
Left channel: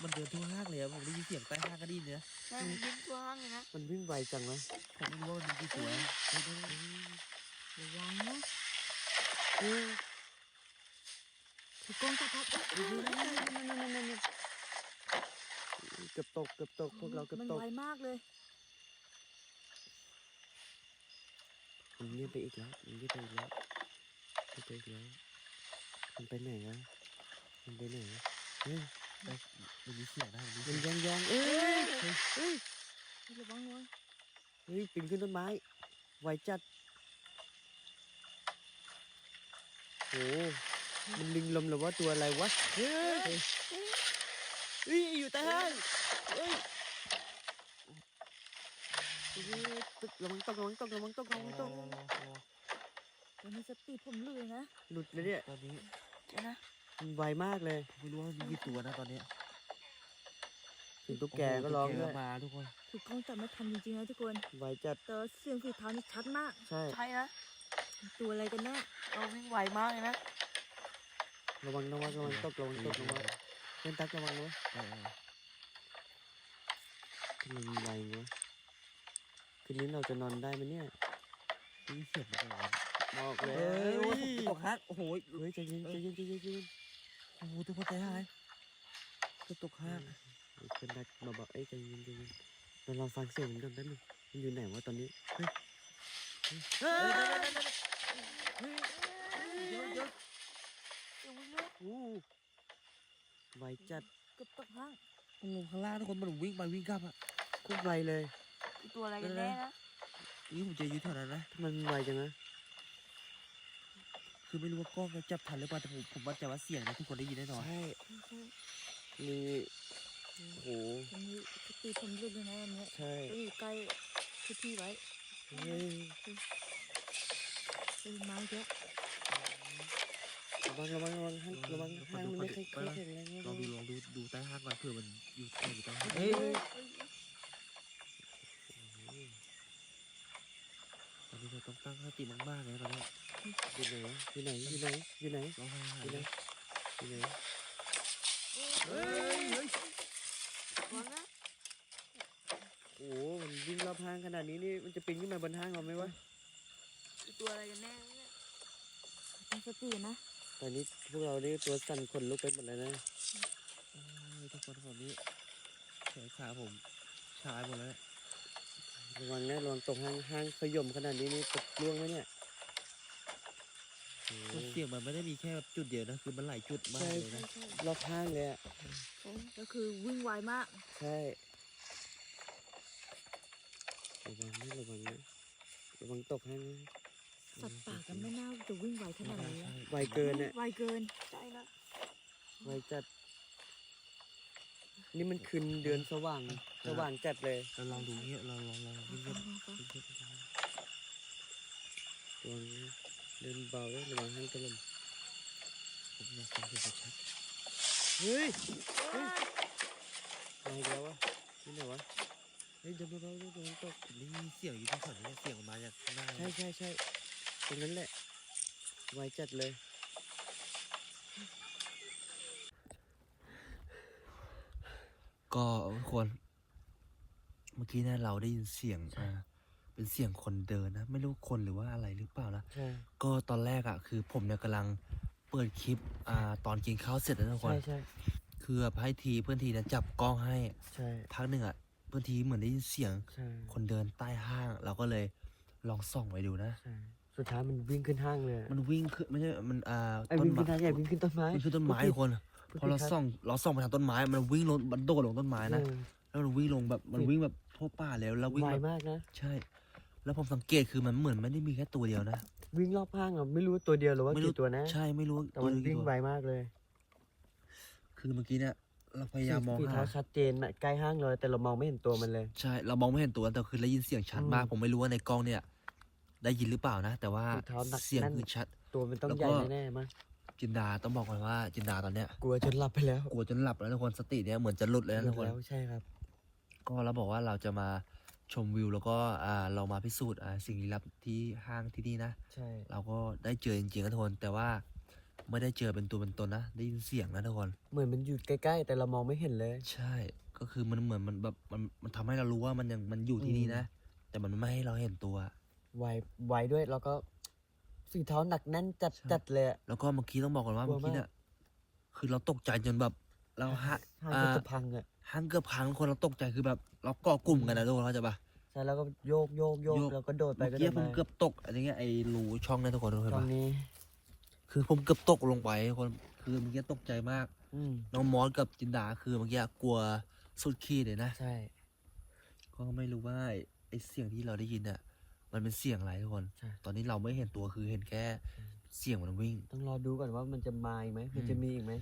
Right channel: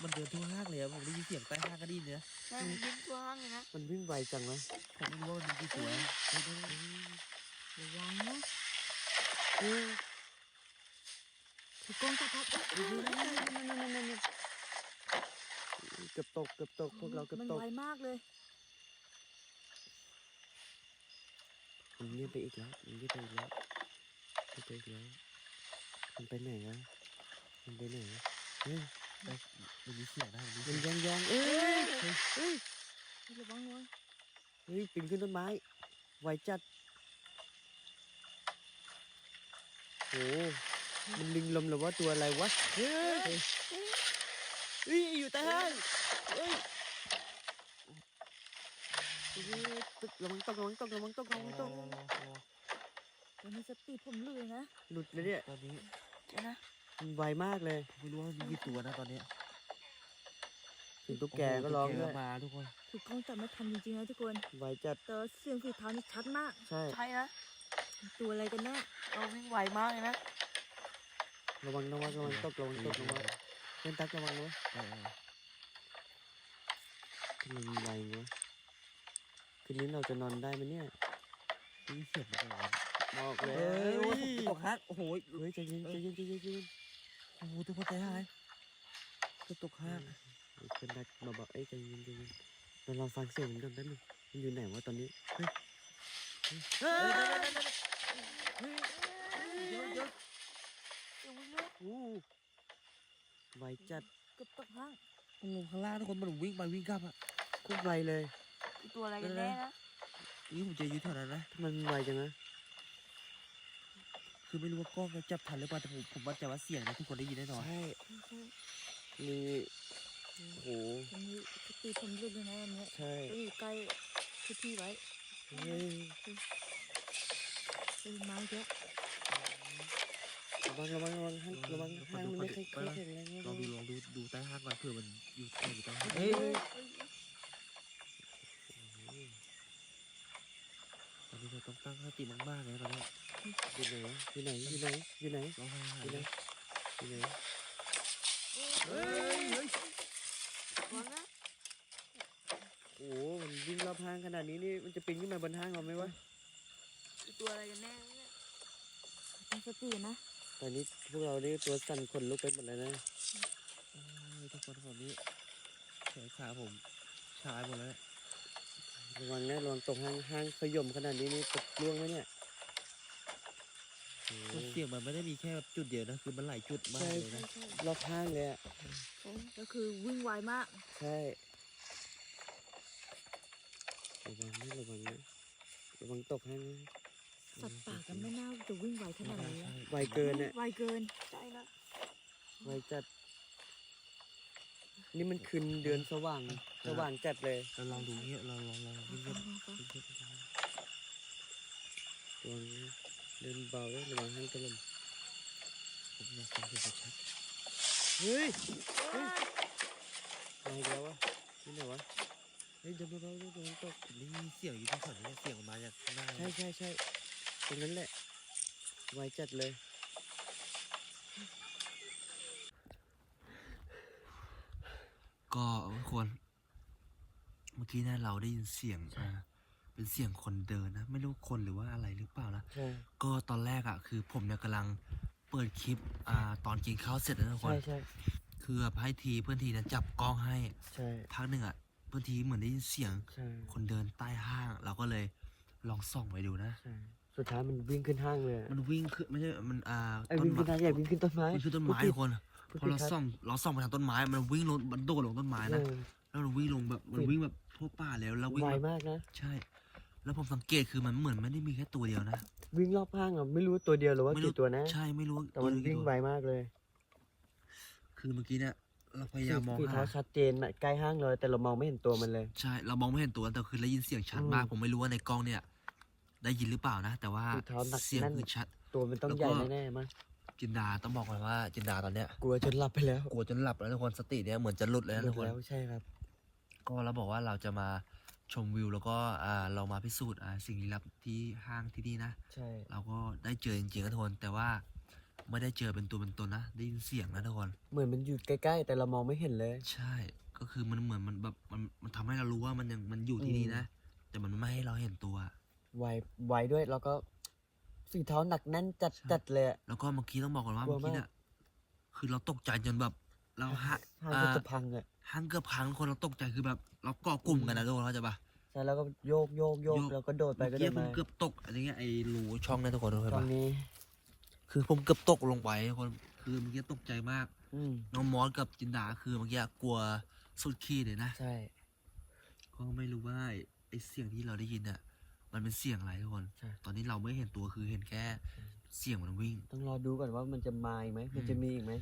มันเดินทั่วห้างเลยอะผมได้ยินเสียงใต้ห้างก็ไดีเนี่ยใช่มันวิ่งทั่วห้างเลยนะมันวิ่งไวจังนะผมไม่รู้ว่ามันมีกี่ตัวนะเฮ้ยเฮ้ยเฮ้ยระวังนะเฮ้ยคือกล้องจับภาพเฮ้ยเฮ้ยเฮ้ยเฮ้ยเฮ้ยเฮ้ยเฮ้ยเฮ้ยเกือบตกเกือบตกพวกเราเกือบมันตกไวมากเลย มันเงียบไปอีกแล้วมันเงียบไปอีกแล้วเงียบไปอีกแล้วมันไปไหนวะมันไปไหนเฮ้ยมันมีเสียงได้มันมีมันยองยองเอ้ยเฮ้ยเฮ้ยระวังระวังเฮ้ยปีนขึ้นต้นไม้ไวจัดโหมันลิงลมหรือว่าตัวอะไรวะเฮ้ยเฮ้ยอยู่ใต้ห้างเฮ้ยเฮ้ย ตึกระวังตกระวังตกระวังตกระวังตกตอนนี้สติผมลือยนะหลุดเลยเนี่ยตอนนี้เดี๋ยวนะมันไวมากเลยไม่รู้ว่ามีกี่ตัวนะตอนเนี้ยถึงตุ๊กแกก็ร้องตุ๊ด้แกวยมาทุกคนคือกล้องจับไม่ทันจริงๆนะทุกคนไวจัดแต่เสียงฝีเท้านี่ชัดมาก ใช่ ใช่นะตัวอะไรกันแน่เราวิ่งไวมากเลยนะระวังระวังระวังตกระวังตกระวังเล่นตักระวังนะเออทำไมมันไววะ คืนนี้เราจะนอนได้ไหมเนี่ยมีเสียงมาก่อนบอกเลเฮ้ยยโอ้ยผมตกฮักโอ้โหเฮ้ยใจเย็นใจเย็นใจเย็นใจเย็นโอ้โหทุกคนใจหายก็ตกฮักเฮ้ยเพื่อนนัดมาบอกเอ้ยใจเย็นใจเย็นเราลองฟังเสียงมันก่อนแป๊บนึงมันอยู่ไหนวะตอนนี้เฮ้ยเฮ้ยเดี๋ยวเดี๋ยวเดี๋ยววิ่งเร็วอู้ไวจัด เกือบตกห้างมันลงข้างล่างทุกคนมันวิ่งไปวิ่งกลับอะโคตรไวเลยคือ ตัวอะไรกันแน่นะนี่ผมจะยืดแถวนั้นนะทำไมมันไวจังนะคือไม่รู้ว่ากล้องจะจับทันหรือเปล่าแต่ผมผมมั่นใจว่าเสียงนะทุกคนได้ยินแน่นอนใช่มีโอ้โหตอนนี้ติผมหลุดเลยนะวันนี้ใช่ก็อใกล้ที่พี่ไว้เฮ้ยเป็นไม้เยอะระวังระวังระวังห้างระวังห้างมันไม่ค่อยค่อยแข็งแรงลองดูลองดูดูใต้ห้างก่อนเผื่อมันอยู่ใต้อยู่ใต้ห้างเฮ้ย ตอนนี้เรา ต้องตั้งสติมากๆเลยนะตอนนี้อยู่ไหนอยู่ไหนอยู่ไหนอยู่ไหนร้องไห้หาอยู่ยไหนเลยอยู่ไหนเฮ้ยเฮ้ยระวังนะโอ้โหมันวิ่งรอบห้างขนาดนี้นี่มันจะปีนขึ้นมาบนห้างเราไหมวะคือตัวอะไรกันแน่เนี่ยตั้งสตินะตอนนี้พวกเรานี่ตัวสั่นขนลุกไปหมดเลยนะโอ้ยทุกคนตอนนี้แขนขาผมชาหมดแล้วเนี่ย ระวังนะระวังตกห้างห้างขย่มขนาดนี้นี่ตกล่วงไหมเนี่ยโอ้โหเสียงมันไม่ได้มีแค่แบบจุดเดียวนะ คือมันหลายจุดมากเลยนะรอบห้างเลยอะก็คือวิ่งไวมาก ใช่ระวังนะระวังนะระวังตกห้างนะสัตว์ป่ากันไม่น่าจะวิ่งไวขนาดนี้ใช่ไวเกินอะไวเกินใช่นะไวจัด นี่มันคืนเดือนสว่าง สว่างจัดเลยเราลองดูเงี้ยเราลองลองวิ่งฟัเงี้ยงฟัวิ่งเงี้ยระวังนะเดินเบาด้วยระวังห้างถล่มผมอยากฟังเสียงชัดเฮ้ยเฮ้ยมาอีกแล้ววะที่ไหนวะเฮ้ยเดินเบาๆด้วยระวังตกผมได้ยินเสียงอยู่ที่แถวนี้เสียงออกมาจากข้างหน้าใช่ใช่ใช่ตรงนั้นแหละไวจัดเลย ก็ทุกคน เมื่อกี้เนี่ยเราได้ยินเสียงอ่าเป็นเสียงคนเดินนะ ไม่รู้คนหรือว่าอะไรหรือเปล่านะ ก็ตอนแรกอะ่ะ คือผมเนี่ยกำลังเปิดคลิป อ่า ตอนกินข้าวเสร็จแล้วนะทุกคนใช่คือแบบให้ทีเพื่อนทีเนะจับกล้องให้ ใช่พักหนึ่งอะ่ะ เพื่อนทีเหมือนได้ยินเสียง ใช่ คนเดินใต้ห้าง เราก็เลยลองส่องไปดูนะใช่สุดท้ายมันวิ่งขึ้นห้างเลยอะมันวิ่งขึ้นไม่ใช่ มันอ่าไอ้ต้นวิ่งไม้ขึ้นห้างอย่าวิ่งขึ้นต้นไม้ มันคือต้นไม้ทุกคน พอเราส่องเราส่องไปทางต้นไม้มันวิ่งลงมันโดดลงต้นไม้นะแล้วมันวิ่งลงแบบมันวิ่งแบบทั่วป่าแล้วแล้ววิ่วิ่งงไวแบบมากนะใช่ แล้วผมสังเกตคือมันเหมือนไม่ได้มีแค่ตัวเดียวนะวิ่งรอบห้างอะไม่รู้ตัวเดียวหรือว่าไม่รู้กี่ตัวนะใช่ไม่รู้แต่ตัวมันเดียววิ่กี่งตัวไวมากเลย คือเมื่อกี้เนี่ยเราพยายามมองฝีหาเท้ชัดเจนอะใกล้ห้างเลยแต่เรามองไม่เห็นตัวมันเลย ใช่เรามองไม่เห็นตัวแต่คือได้ยินเสียงชัดอืมมาก ผมไม่รู้ว่าในกล้องเนี่ย ได้ยินหรือเปล่านะ แต่ว่าฝีเท้ามันเสียงแน่นคือชัดตัวมันต้องแล้วใหก็ญ่แน่ๆมั้ง จินดาต้องบอกเลยว่าจินดาตอนเนี้ยกลัวจนหลับไปแล้วกลัวจนหลับแล้วทุกคนสติเนี่ยเหมือนจะหลุดเลยนะทุกคนใช่ครับ ก็เราบอกว่าเราจะมาชมวิวแล้วก็อ่าเรามาพิสูจน์อ่าสิ่งลี้ลับที่ห้างที่นี่นะใช่เราก็ได้เจอจริงๆนะทุกคนแต่ว่าไม่ได้เจอเป็นตัวเป็นตนนะได้ยินเสียงนะทุกคนเหมือนมันอยู่ใกล้ ๆ แต่เรามองไม่เห็นเลย ใช่ ก็คือมันเหมือนมันแบบมันมันทำให้เรารู้ว่ามันยังมันอยู่ที่นี่นะ แต่มันไม่ให้เราเห็นตัว ไวไวด้วยแล้วก็ สีเท้าหนักแน่นจัดใช่ จัดเลยอะแล้วก็เมื่อกี้ต้องบอกก่อนว่ากลัวเมื่อกี้มากเนี่ยคือเราตกใจจนแบบ เราฮะมันอ่าก็จะพังอะหันเกือบพังคนเราตกใจคือแบบ เราเกาะกลุ่มกันนะทุกคนเข้าใจปะ ใช่แล้วก็โยกโยกโยกโยก แล้วก็โดดไปเมื่อก็กี้โดดผมมาเกือบตกอะไรเงี้ยไอ้รูช่องเนี่ยทุกคนทุกคตนรงนี้คือผมเกือบตกลงไปทุกคนคือเมื่อกี้ตกใจมาก อืมน้องมอสกับจินดาคือเมื่อกี้กลัวสุดขีดเลยนะใช่ก็ไม่รู้ว่าไอ้ไอ้เสียงที่เราได้ยินเนี่ย มันเป็นเสียงอะไรทุกคนตอนนี้เราไม่เห็นตัวคือเห็นแค่เสียงมันวิ่ง ต้องรอดูก่อนว่ามันจะมาอีกไหมมันจะมีอีกไหม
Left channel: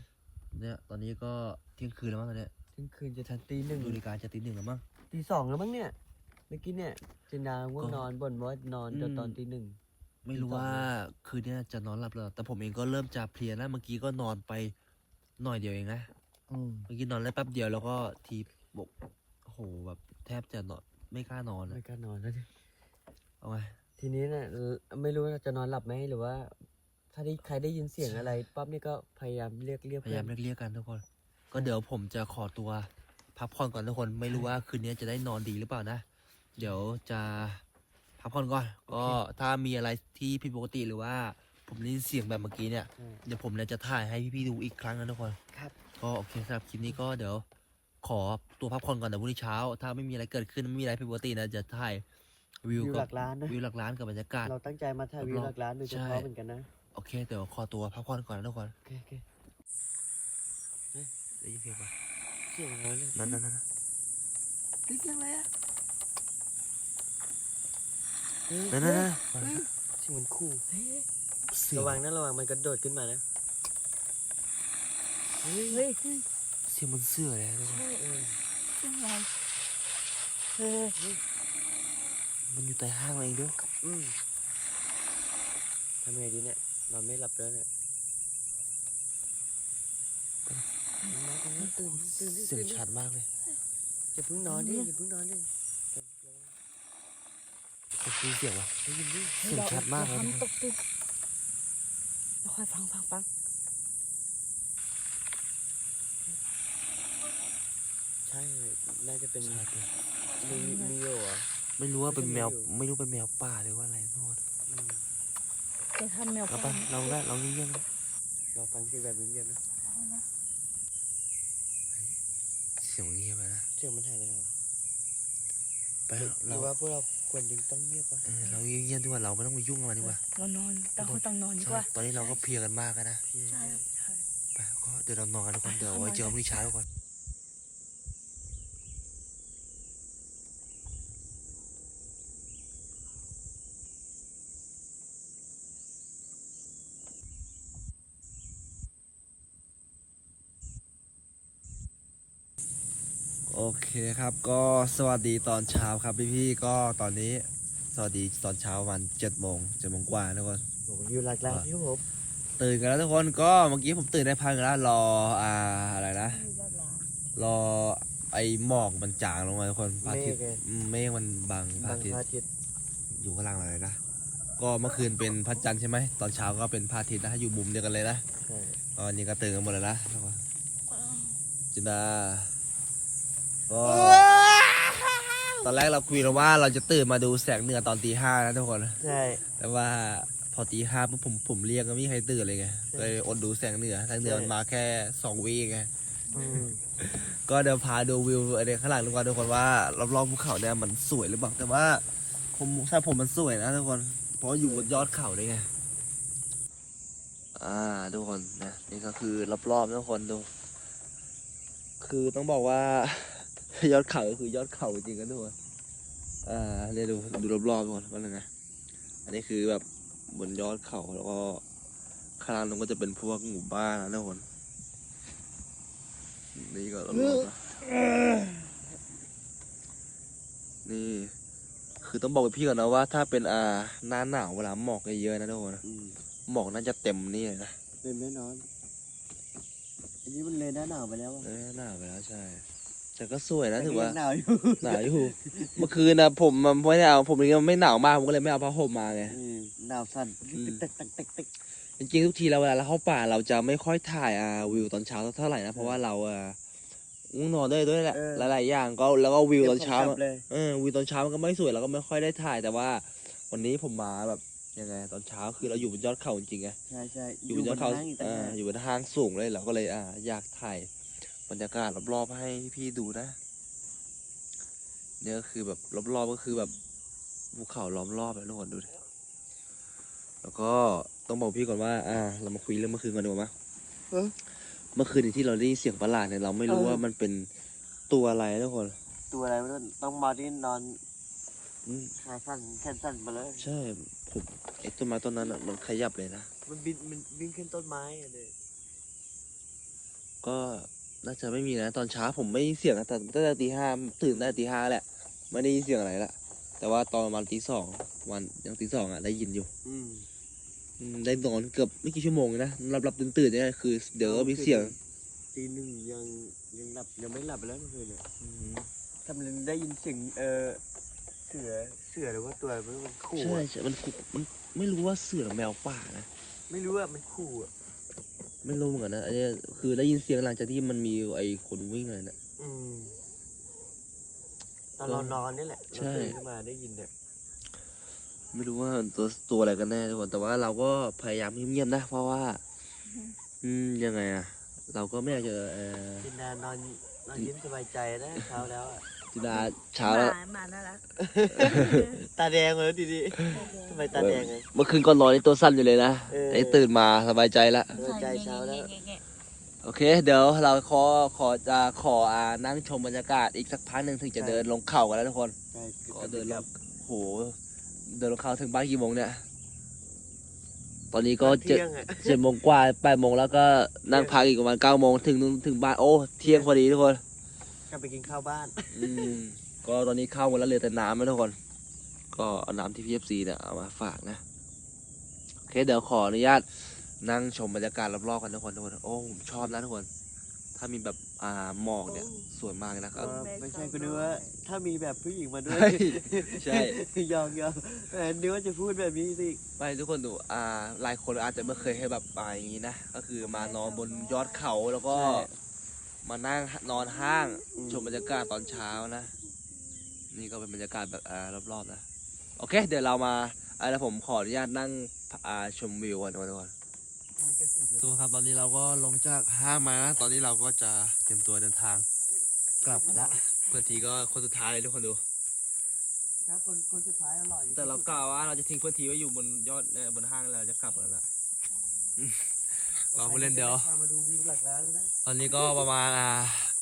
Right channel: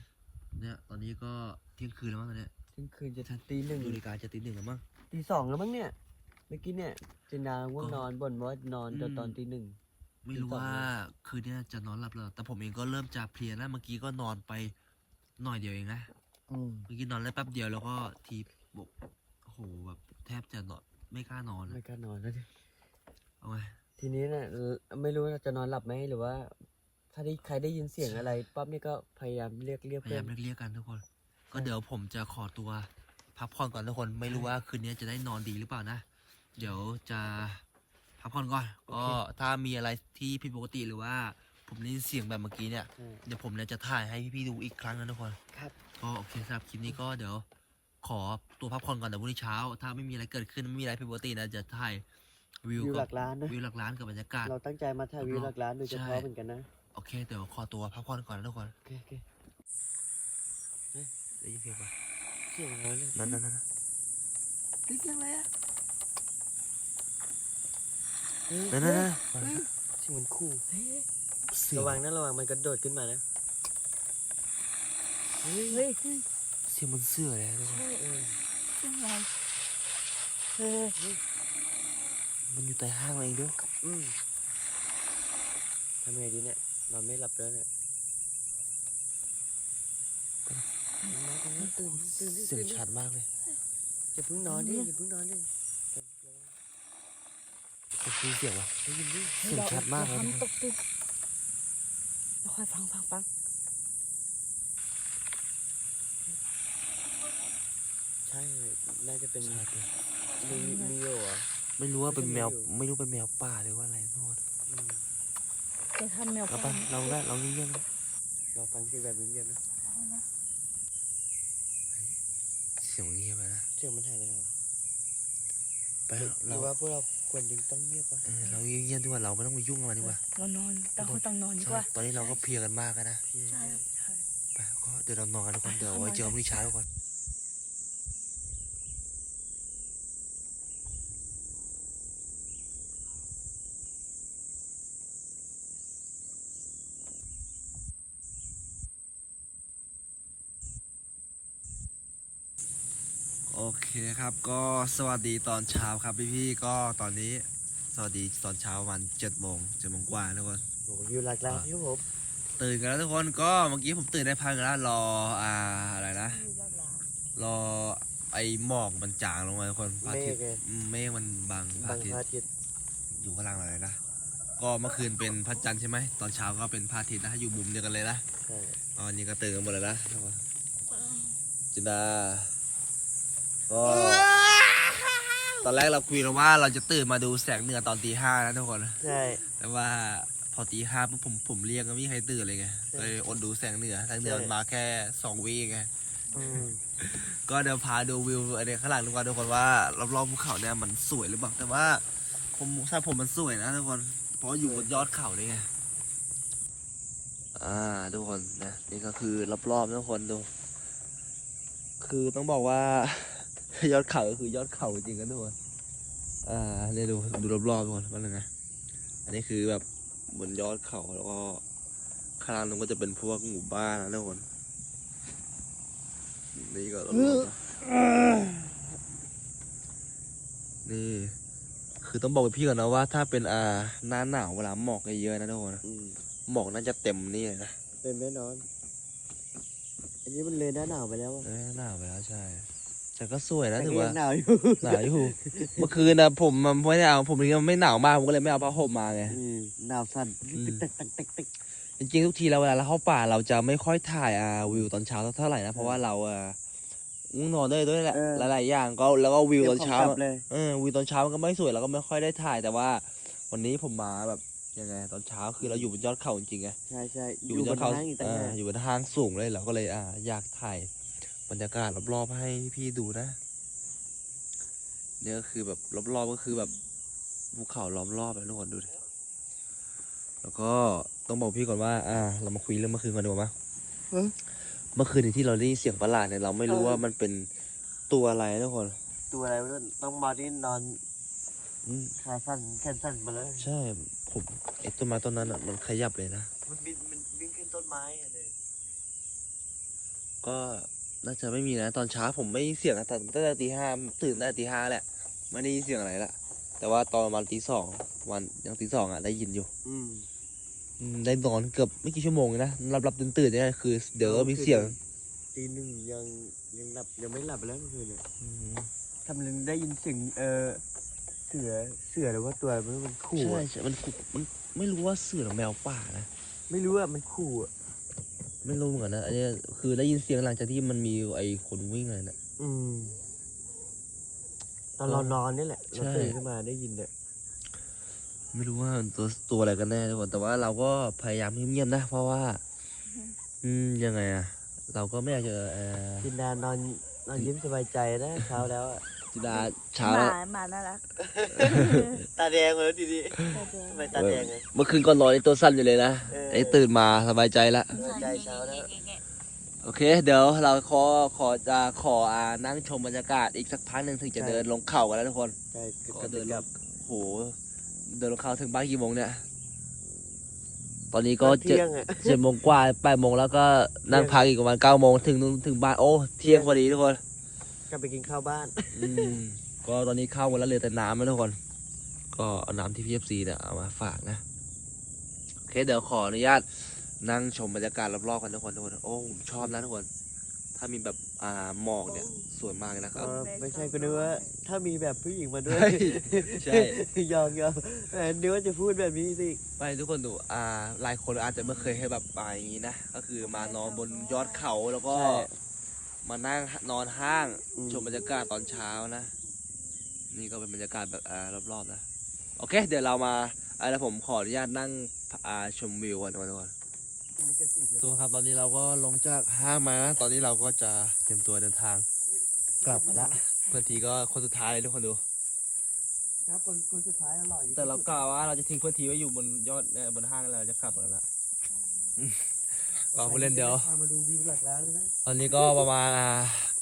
เนี่ยตอนนี้ก็เที่ยงคืนแล้วมั้งตอนเนี้ยเที่ยงคืนจะทันตีหนึ่งดูนาฬิกาจะตีหนึ่งแล้วมั้ง ตีสองแล้วมั้งเนี่ยเมื่อกี้เนี่ยเจนดาง่วงก็นอนบ่นว่านอนจนอืมตอนตีหนึ่ง ไม่รู้ตีสองว่าคืนเนี้ยจะนอนหลับหรือเปล่าแต่ผมเองก็เริ่มจะเพลียแล้วเมื่อกี้ก็นอนไปหน่อยเดียวเองนะ อืมเมื่อกี้นอนได้แป๊บเดียวแล้วก็ทีบอกโอ้โหแบบแทบจะนอนไม่กล้านอนไม่อะกล้านอนแล้วดิ เอาไงทีนี้เนี่ยเออไม่รู้ว่าจะนอนหลับไหมหรือว่า ถ้าได้ใครได้ยินเสียงอะไรปั๊บนี่ก็พยายามเรียกเรียกพยายามเพื่อนเรียกๆกันทุกคน ก็เดี๋ยวผมจะขอตัวพักผ่อนก่อนทุกคนไม่รู้ว่าคืนนี้จะได้นอนดีหรือเปล่านะเดี๋ยวจะพักผ่อนก่อน ก็ถ้ามีอะไรที่ผิดปกติหรือว่า ผมได้ยินเสียงแบบเมื่อกี้เนี่ยอืมเดี๋ยวผมเนี่ยจะถ่ายให้พี่ๆดูอีกครั้งนะทุกคนก็โอเคสำหรับคลิปนี้ก็เดี๋ยวขอตัวพักผ่อนก่อนเดี๋ยวพรุ่งนี้เช้า ถ้าไม่มีอะไรเกิดขึ้นไม่มีอะไรผิดปกตินะจะถ่าย วิววิวหกับลักล้านนะ วิวหลักล้านกับบรรยากาศ เราตั้งใจมาถ่ายวิวรอบๆหลักล้านโดยเฉใช่พาะเหมือนกันนะ โอเคเดี๋ยวขอตัวพักผ่อนก่อนนะทุกคนโอเคโอเคได้ยินเสียงปะเสียงอะไรเนี่ยนั่นนั่นนั่นเฮ้ยเสียงอะไรอะเฮ้ยนั่นนั่นนั่นเสียงเหมันคู่เสียงระวังนะระวังมันกระโดดขึ้นมานะเฮ้ยเฮ้ยเสียงมันเสื้อเลยนะทุกคนเออเสียงอะไรเฮ้ย มันอยู่ใต้ห้างเองด้วยอืมทำไงดีเนี่ยนอนไม่หลับแล้วเนี่ยตื่นตื่นตื่นเสียงตื่นชัดมากเลยอย่าเพิ่งนอนดิอย่าเพิ่งนอนดิก็คือเสียงวะได้ยินดิเสียงชัดมากเลยทำตกตึกแล้วค่อยฟังฟังฟังใช่ น่าจะเป็นชัดเลยมีมีโยเหรอ ไม่รู้ว่าเป็นแมวไม่ใช่แมวอยู่ไม่รู้เป็นแมวป่าหรือว่าอะไรทุกคนอืมจะทำแมวเราไปเราได้เราเงียบๆนะเราฟังเสียงแบบเงียบๆนะเสียงเงียบไปนะเสียงมันหายไปไหนวะไปหรือเราว่าพวกเราควรยังต้องเงียบปะเออเราเงียบๆดีกว่าเราไม่ต้องไปยุ่งกับมันดีกว่าเรานอนต่างคนต่างนอนดีกใช่ว่าตอนนี้เราก็เพลียกันมากแล้วนะพี่ใช่ใช่ ไปก็เดี๋ยวเรานอนกันทุกคนเดี๋ยวเอาไว้นอนเจอกันพรุ่งนี้เช้าทุกคน โอเคครับก็สวัสดีตอนเช้าครับพี่ๆก็ตอนนี้สวัสดีตอนเช้าประมาณเจ็ดโมงเจ็ดโมงกว่าทุกคนโอ้โหอยู่หลักล้านที่ผมตื่นกันแล้วทุกคนก็เมื่อกี้ผมตื่นได้พักหนึ่งแล้วรออ่าอะไรนะรอไอ้หมอกมันจางลงมาทุกคนพระอาทิตย์เมฆไงอืมเมฆมันบังพระบางอาทิตพย์ระอาทิตย์อยู่ข้างล่างอะไรนะก็เมื่อคืนเป็นพระจันทร์ใช่ไหมตอนเช้าก็เป็นพระอาทิตย์นะอยู่มุมเดียวกันเลยนะใช่ตอนนี้ก็ตื่นกันหมดแล้วนะจินดาก็ ตอนแรกเราคุยกันว่าเราจะตื่นมาดูแสงเหนือตอนตีห้านะทุกคน ใช่ แต่ว่าพอตีห้าปุ๊บผมผมเรียกก็ไม่มีใครตื่นเลยไงก็เลยอดดูแสงเหนือแสงเหนือมันมาแค่สองวิไงอืมก็เดี๋ยวพาดูวิวอะไรข้างหลังทุกคนทุกคนว่ารอบๆภูเขาเนี่ยมันสวยหรือเปล่าแต่ว่า ผมถ้าผมมันสวยนะทุกคน เพราะอยู่บนยอดเขาเลยไงอ่าทุกคนนะนี่ก็คือรอบๆนะทุกคนดู คือต้องบอกว่า ยอดเขาก็คือยอดเขาจริงนะทุกคนอ่าเนี่ยดูดูรอบๆทุกคนว่าไงอันนี้คือแบบบนยอดเขาแล้วก็ข้างล่างนั้นก็จะเป็นพวกหมู่บ้านนะทุกคนนี่ก็รอบๆนะนี่คือต้องบอกกับพี่ก่อนนะว่า ถ้าเป็นอ่าหน้าหนาวเวลาหมอกเยอะๆนะทุกคนนะอืมหมอกน่าจะเต็มนี่เลยนะเต็มแน่นอน อันนี้มันเลยหน้าหนาวไปแล้วอะเอ้ยหนาวไปแล้วใช่ แต่ก็สวยนะแต่ถือก็ว่ายังหนาวอยู่หนาวอยู่เมื่อคืนนะผมมันไม่ได้เอาผมเองไม่หนาวมากผมก็เลยไม่เอาผ้าห่มมาไงอืมหนาวสั่นอืมติ๊กติ๊กติ๊กติ๊กจริงๆทุกทีเราเวลาเราเข้าป่าเราจะไม่ค่อยถ่ายอ่าวิวตอนเช้าเท่าไหร่นะเพราะว่าเราอ่าง่วงนอนด้วยด้วยแหละเออหลาย ๆ อย่างก็แล้วก็วิวตอนเช้าขงกลัอะบเลยเออวิวตอนเช้ามันก็ไม่สวยเราก็ไม่ค่อยได้ถ่ายแต่ว่า วันนี้ผมมาแบบยังไงตอนเช้าคือเราอยู่บนยอดเขาจริงๆไงใช่ใช่อยู่บนยอดเขาบนห้งอีกต่างอ่าหากอยู่บนทางสูงเลยเราก็เลยอ่าอยากถ่าย บรรยากาศรอบๆให้พี่ดูนะเนี่ยก็คือแบบรอบๆก็คือแบบภูเขาล้อมรอบเลยทุกคนดูดิแล้วก็ต้องบอกพี่ก่อนว่าอ่าเรามาคุยเรื่องเมื่อคืนก่อนดีกว่ามั้ยเมื่อคืนนี้ที่เราได้ยินเสียงประหลาดเนี่ยเราไม่รู้ว่ามันเป็นตัวอะไรนะทุกคน ตัวอะไรไม่รู้ต้องมาที่นอนอืมขาสั้นแขนสั้นมาแล้วใช่ผมไอ้ต้นไม้ต้นนั้นอะมันขยับเลยนะมันบินมันบินขึ้นต้นไม้อะเลยก็ น่าจะไม่มีนะ ตอนเช้าผมไม่ได้ยินเสียงนะตอนตั้งแต่ตีห้าตื่นตั้งแต่ตีห้าแหละไม่ได้ยินเสียงอะไรละแต่ว่าตอนประมาณตีสองวันยังตีสองอะได้ยินอยู่อืมอืมได้นอนเกือบไม่กี่ชั่วโมงนะหลับหลับตื่นตื่นเนี่ยคือ เดี๋ยวก็มีเสียงตีหนึ่งยังยังหลับยังไม่หลับไปแล้วคืนเนี่ยทำเลยได้ยินเสียงเออเสือเสือหรือว่าตัวอะไรไม่รู้มันขู่ใช่อะใช่มันขู่มันไม่รู้ว่าเสือหรือแมวป่านะไม่รู้อะมันขู่อะ ไม่รู้เหมือนกันนะอันนี้คือได้ยินเสียงหลังจากที่มันมีไอ้คนวิ่งอะไรนะ อืมตอนเรานอนนี่แหละเราใช่ ตื่นขึ้นมาได้ยินเนี่ยไม่รู้ว่าตัวตัวอะไรกันแน่ทุกคนแต่ว่าเราก็พยายามเงียบๆนะ เพราะว่า อืมยังไงอะเราก็ไม่อยากจะเออกินดานอนนอนยิ้มสบายใจนะเช้าแล้วอะ จิดาเช้าแล้วหมาหมาน่ารักตาแดงเลยดีดีแต่แดงทำไมตาแดงอะเมื่อคืนก่อนนอนนี่ตัวสั้นอยู่เลยนะเออไอ้ตื่นมาสบายใจละสบายใจเช้าแล้วโอเค เดี๋ยวเราขอขอจะขออ่านั่งชมบรรยากาศอีกสักพักหนึ่งถึงจะเดินลงเขากันแล้วทุกคนใช่ก็เดินลงโห เดินลงเขาถึงบ้านกี่โมงเนี่ย ตอนนี้ก็เจ็ดเที่ยงอะเจ็ดโมงกว่าแปดโมงแล้วก็นั่งพักอีกประมาณเก้าโมงถึงถึงบ้านโอ้ เที่ยงพอดีทุกคน ก็ไปกินข้าวบ้าน อืมก็ตอนนี้เข้าหมดแล้วเหลือแต่น้ำนะทุกคน ก็เอาน้ำที่พีเอฟซีเนี่ยเอามาฝากนะโอเคเดี๋ยวขออนุญาตนั่งชมบรรยากาศรอบๆกันทุกคนทุกคนโอ้ผมชอบนะทุกคน ถ้ามีแบบอ่าหมอกเนี่ยสวยมากเลยนะครับ ไม่ใช่ก็นึกว่า ถ้ามีแบบผู้หญิงมาด้วย ใช่ใช่ยอมยอมแต่นึกว่าจะพูดแบบนี้สิไม่ทุกคนดูอ่าหลายคนอาจจะไม่เคยให้แบบไปอย่างนี้นะ ก็คือมานอนบนยอดเขาแล้วก็ มานั่งนอนห้างชมบรรยากาศตอนเช้านะ นี่ก็เป็นบรรยากาศแบบอ่ารอบๆนะโอเค เดี๋ยวเรามาอ่าแล้วผมขออนุญาตนั่งอ่าชมวิวก่อนทุกคนทุกครับตอนนี้เราก็ลงจากห้างมา ตอนนี้เราก็จะเตรียมตัวเดินทางกลับกันละเพื่อนทีก็คนสุดท้ายเลยทุกคนดู ครับคนคนสุดท้ายอร่อยอยู่แต่เรากล่าวว่าเราจะทิ้งเพื่อนทีไว้อยู่บนยอดเอ่อบนห้างแล้วเราจะกลับกันละ เราผู้เล่นเดี๋ยวพามาดูวิวหลักล้านแล้วนะ ตอนนี้ก็ประมาณอ่า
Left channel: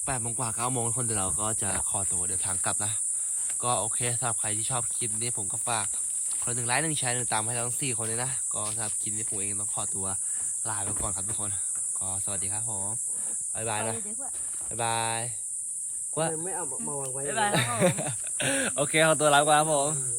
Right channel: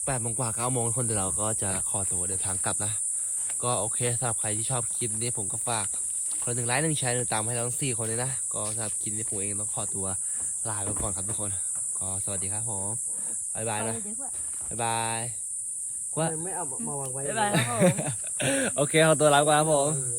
แปดโมงกว่าเก้าโมงทุกคนเดี๋ยวเราก็จะขอตัวเดินทางกลับนะ ก็โอเคสำหรับใครที่ชอบคลิปนี้ผมก็ฝากคนละหนึ่งไลค์หนึ่งแชร์หนึ่งตามให้เราทั้งสี่คนเลยนะ ก็สำหรับคลิปนี้ผมเองต้องขอตัวลาไปก่อนครับทุกคน ก็สวัสดีครับผมบ๊ายบายไปนะเดี๋ยวก่อนบ๊ายบายว่าไม่เอามองไว้บ๊ายบายครับผม โอเคขอตัวลาไปก่อนครับผมเออ